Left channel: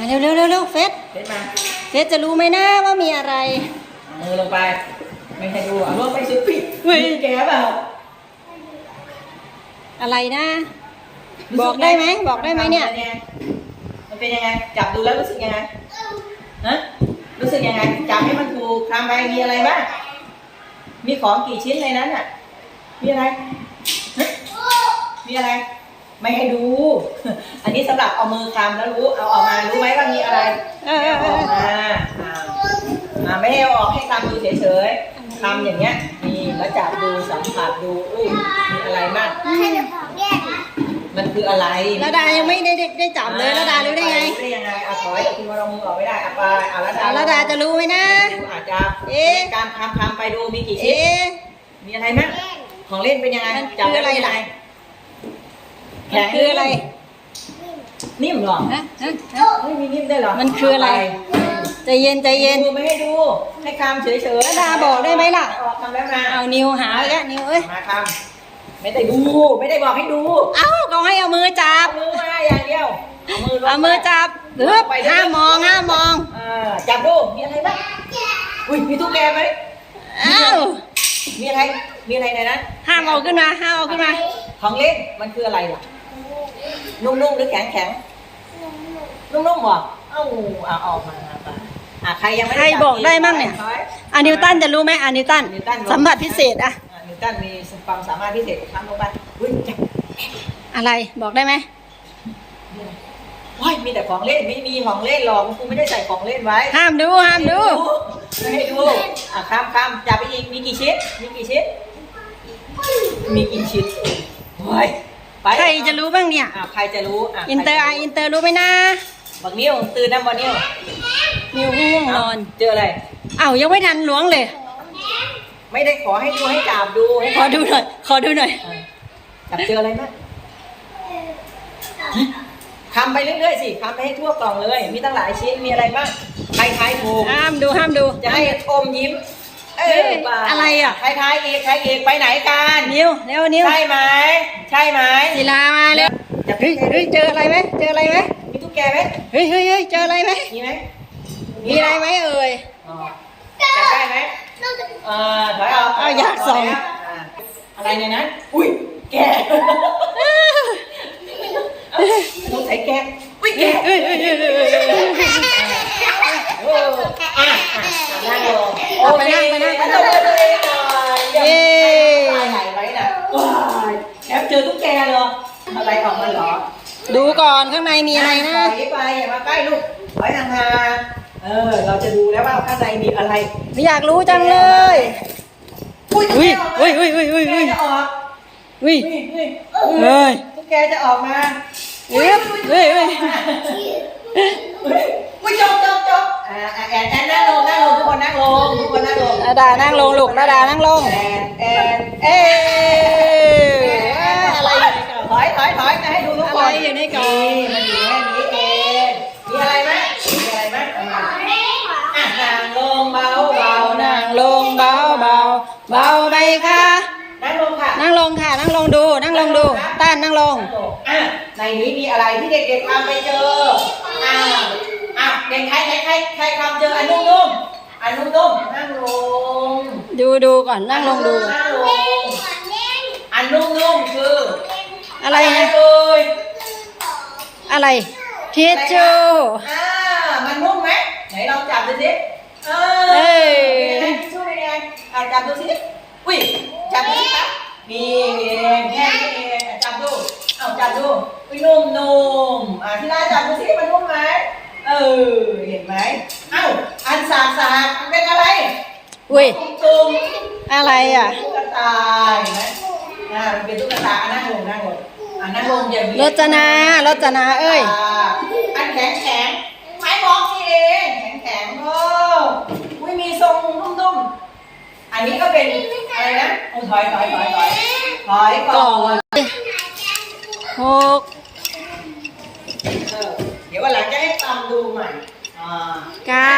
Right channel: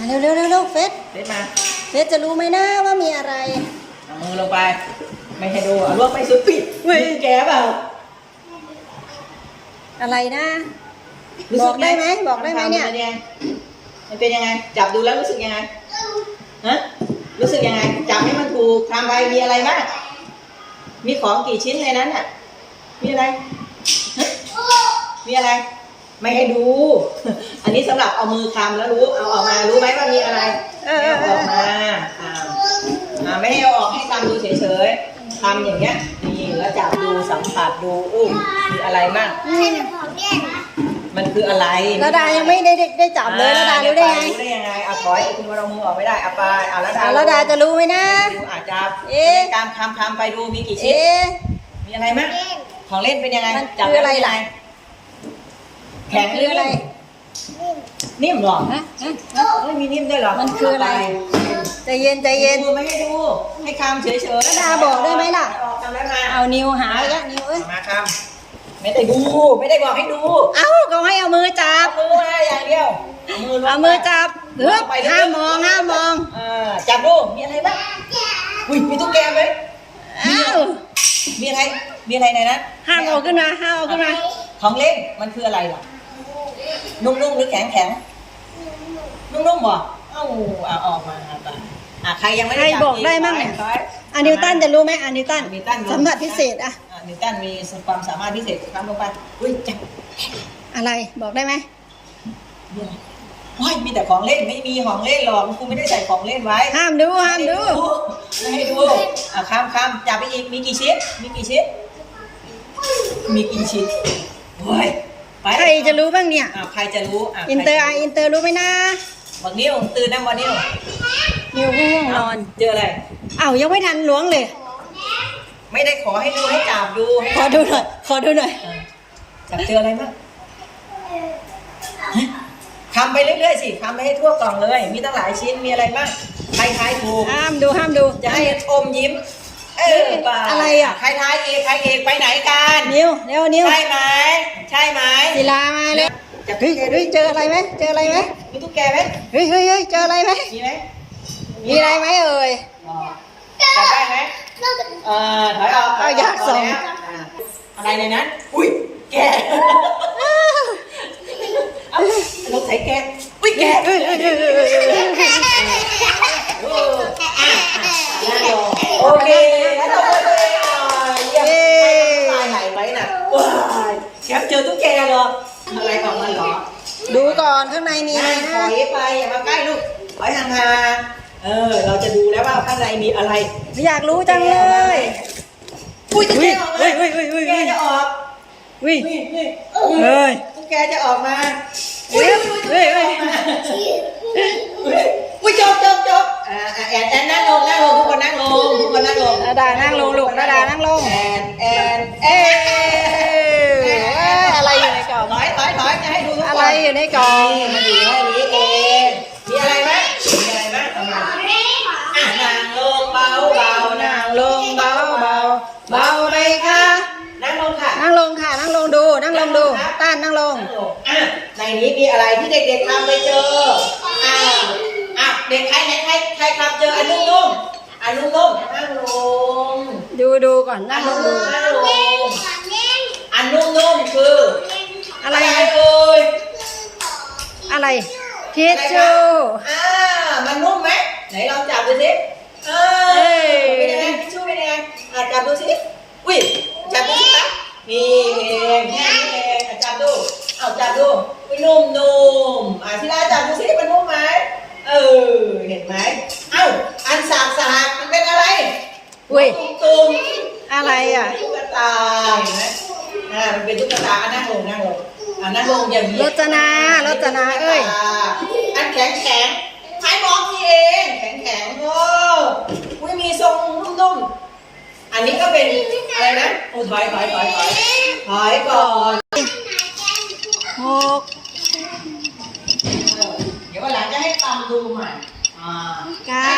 มาเร็วเร็วเร็วเร็วเฟสเด็ดมา เฟสจะรู้ไหมนะว่ามีอะไร เอามือลงไป ไม่ให้ดูอะลวกไปสุดปิดเว้ยแกเปล่าอะไรนะ รู้สึบอกได้ไหมบอกได้ไหมเนี่ยป็งมันเป็นยังไง จับดูแล้วรู้สึกยังไงฮะรู้สึกยังไง จับให้มันถูกทำไปมีอะไรบ้าง มีของกี่ชิ้นในนั้นอะ มีอะไรฮะมีอะไร ไม่ให้ดู อันนี้สำหรับเอามือคำแล้วรู้ เอาออกมา รู้ไหมว่ามีอะไรเออเออเออาออกมาอ่าอ่าไม่ให้เอาออกให้คำดูเฉยๆคำอย่างเงี้ย นี่แล้วจับดูสัมผัสดูอุ้มมีอะไรบ้างมันคืออะไรระดายังไม่ได้ได้ได้จับเลยระดารู้ได้ไง รู้ได้ยังไงอะถอยคุณเอามือออกไม่ได้อะไปอะระดาอะระดาจะรู้ไหมนะ ดูอาจจะเอ๊ะการคำคำไปดูมีกี่ชิ้น เอ๊ะ มีอะไรมั้งของเล่นเป็นยังไง มันจับคืออะไรล่ะ แข็งมันคืออะไร นิ่มเหรอฮะฮะฮะเอ้ยมีนิ่มด้วยเหรอมันคืออะไร ใจเย็นใจเย็น ดูไม่ให้ดู ให้คำเฉยๆระดาบอกได้ไหมล่ะ ออกคำแล้วมาเอานิ้วหาแกนิ้วเอ้ย มาคำไม่ได้ดู ไม่ได้บอกให้ดู เอ้าก็ให้เอามือจับเอามือมาอย่างเดียวเอามือลงเอามือจับเฮ้ยห้ามมองห้ามมองเออจับดู มีอะไรบ้างอุ้ยมีตุ๊กแกไหมเอ้ามีอะไร มีอะไรในนั้นห้ามเอาขึ้นมา ห้ามเอาขึ้นมา ของเล่น มันคืออะไรล่ะ นุ่มๆหรือแข็งแข็งๆนุ่มๆบ่เอ้าเอาออกมาอะอะใครยังไม่ได้ใครจับอกได้มั่งเนี่ยถอถอะนิวตันจะรู้ไหมอะนิวตันนิวตันรู้สัมผัสพิเศษอะอะนิวตันมีความสามารถพิเศษทำลงไปอุ้ยจับอะไรบอกได้ไหมมีอะไรว้ายมีแต่ของเล่นไม่มีของเล่นหรอกคุณไม่ได้ใส่ของเล่นไว้ ห้ามดูห้ามดูไม่ให้ดูอะคำคำจับไปอีกมีกี่ชิ้นมีกี่ชิ้นมีกี่ชิ้นเฮ้ย ไปใครจะรู้บ้างเนี่ย อะใครจะรู้อะอินเตอร์ใคอะจะอินเตอร์รู้ไหมนะ บักนิ้วตื่นนะบักนิ้วนิวง่วงนอน เจออะไร เอ้ายังไม่ทันล้วงเลย ไม่ได้ขอให้ดูให้จับดูให้ขอดูหน่อย ขอดูหน่อย อะจับเจออะไรบ้างคำไปเรื่อยๆสิคำไปให้ทั่วกล่องเลย มีตั้งหลายชิ้นมีอะไรบ้างใครทายถูก ห้ามดูห้ามดู จะให้อมยิ้ม เออเอ๊ะป่าอะไรอะ ใครทายอีกใครอีกไปไหนกัน นิวเร็วนิว ใช่ไหม ใช่ไหมศิลามาเร็วจับเฮ้ยเฮ้ยเจออะไรไหมเจออะไรไหมมีตุ๊กแกไหมเฮ้ยเฮ้ยเฮ้ยเจออะไรไหมมีไหมมีอะไรไหมเอ่ยอ๋อจับได้ไหมเออถอยออกเอาอยากส่องถยกอะอะไรในนั้นอุ้ยแกเอ้าต้องใส่แกอุ้ยแกเฮ้ยเฮ้ยเฮ้ยเฮ้ยเฮ้ยเฮ้ยโอ้อะอะนั่งลงเอาไปนั่งไปนั่ง แคปเจอตุ๊กแกเหรออะไรออกมาเหรอดูก่อนข้างในมีอะไรถนะอยไปอย่ามาใกล้ลูกถอยห่างๆเออ เราจะดูแล้วว่าข้างในมีอะไรไม่อยากรู้จังเลยอุ้ยตุ๊กเฮ้แกยออกมาเฮ้ยเฮ้ยเฮ้ยแกเฮ้ยจะออกเฮ้ยนี่นี่เฮ้ยตุ๊กแกจะออกมาเฮ้ยเฮ้ยเฮ้ยอุ้ยจบจบจบอ่าอ่าแอนแอนนั่งลงนั่งลงทุกคนนั่งลงทุกคนนั่งลงระดานั่งลงลูกระดานั่งลง แอนแอนแอเอ๊นะอะไร อยู่ในกล่องถอยถอยถอยจะให้ดูทุกคนอะไรอยู่ในกล่องมาอยู่แค่นี้เองมีอะไรไหมมีอะไรไหมเอามาอะนั่งลงเบาเบาๆนั่งลงเบาเบาเบาไปค่ะนั่งลงค่ะ นั่งลงค่ะ นั่งลงดู นั่งลงดู ต้านนั่งลงนั่งลง อะในนี้มีอะไรที่เด็กๆทำไปเจออะอะเด็กใครใครใครใครทำเจออันนุ่มๆอันนุ่มๆนั่งลงดูดูก่อนนั่งลงดู นั่งลงอันนุ่มๆคือ อะไรอะไรนะเลยอะไรทิชชู่อ่ามันนุ่มไหมไหนลองจับดูสิอ่าเอ้ยเป็นยังไงทิชชู่เป็นยังไงอะจับดูสิอุ้ยจับดูสิคะนี่เองแค่นี้เองอะจับดูเอาจับดูอุ้ยนุ่มๆอะที่ร้านจับดูสิมันนุ่มไหมเออเห็นไหมเอ้าอันสากสากๆมันเป็นอะไรอุ้ยตุ้มอะไรอะตุ๊กตาเห็นไหมอ่ามันเป็นตุ๊กตาอะนั่งลงนั่งลง อะนั่งลงอย่างนี้รจนา รจนา เอ้ย อันแข็งแข็งไม้บล็อกนี่เอง แข็งแข็งโอ้อุ้ยมีทรงนุ่มๆ อันนี้ก็เป็นอะไรนะโอ้ถอยถอยถอยถอยถอยก่อนหกเออเดี๋ยววันหลังจะให้ตามดูใหม่อ่าเก้านั่ง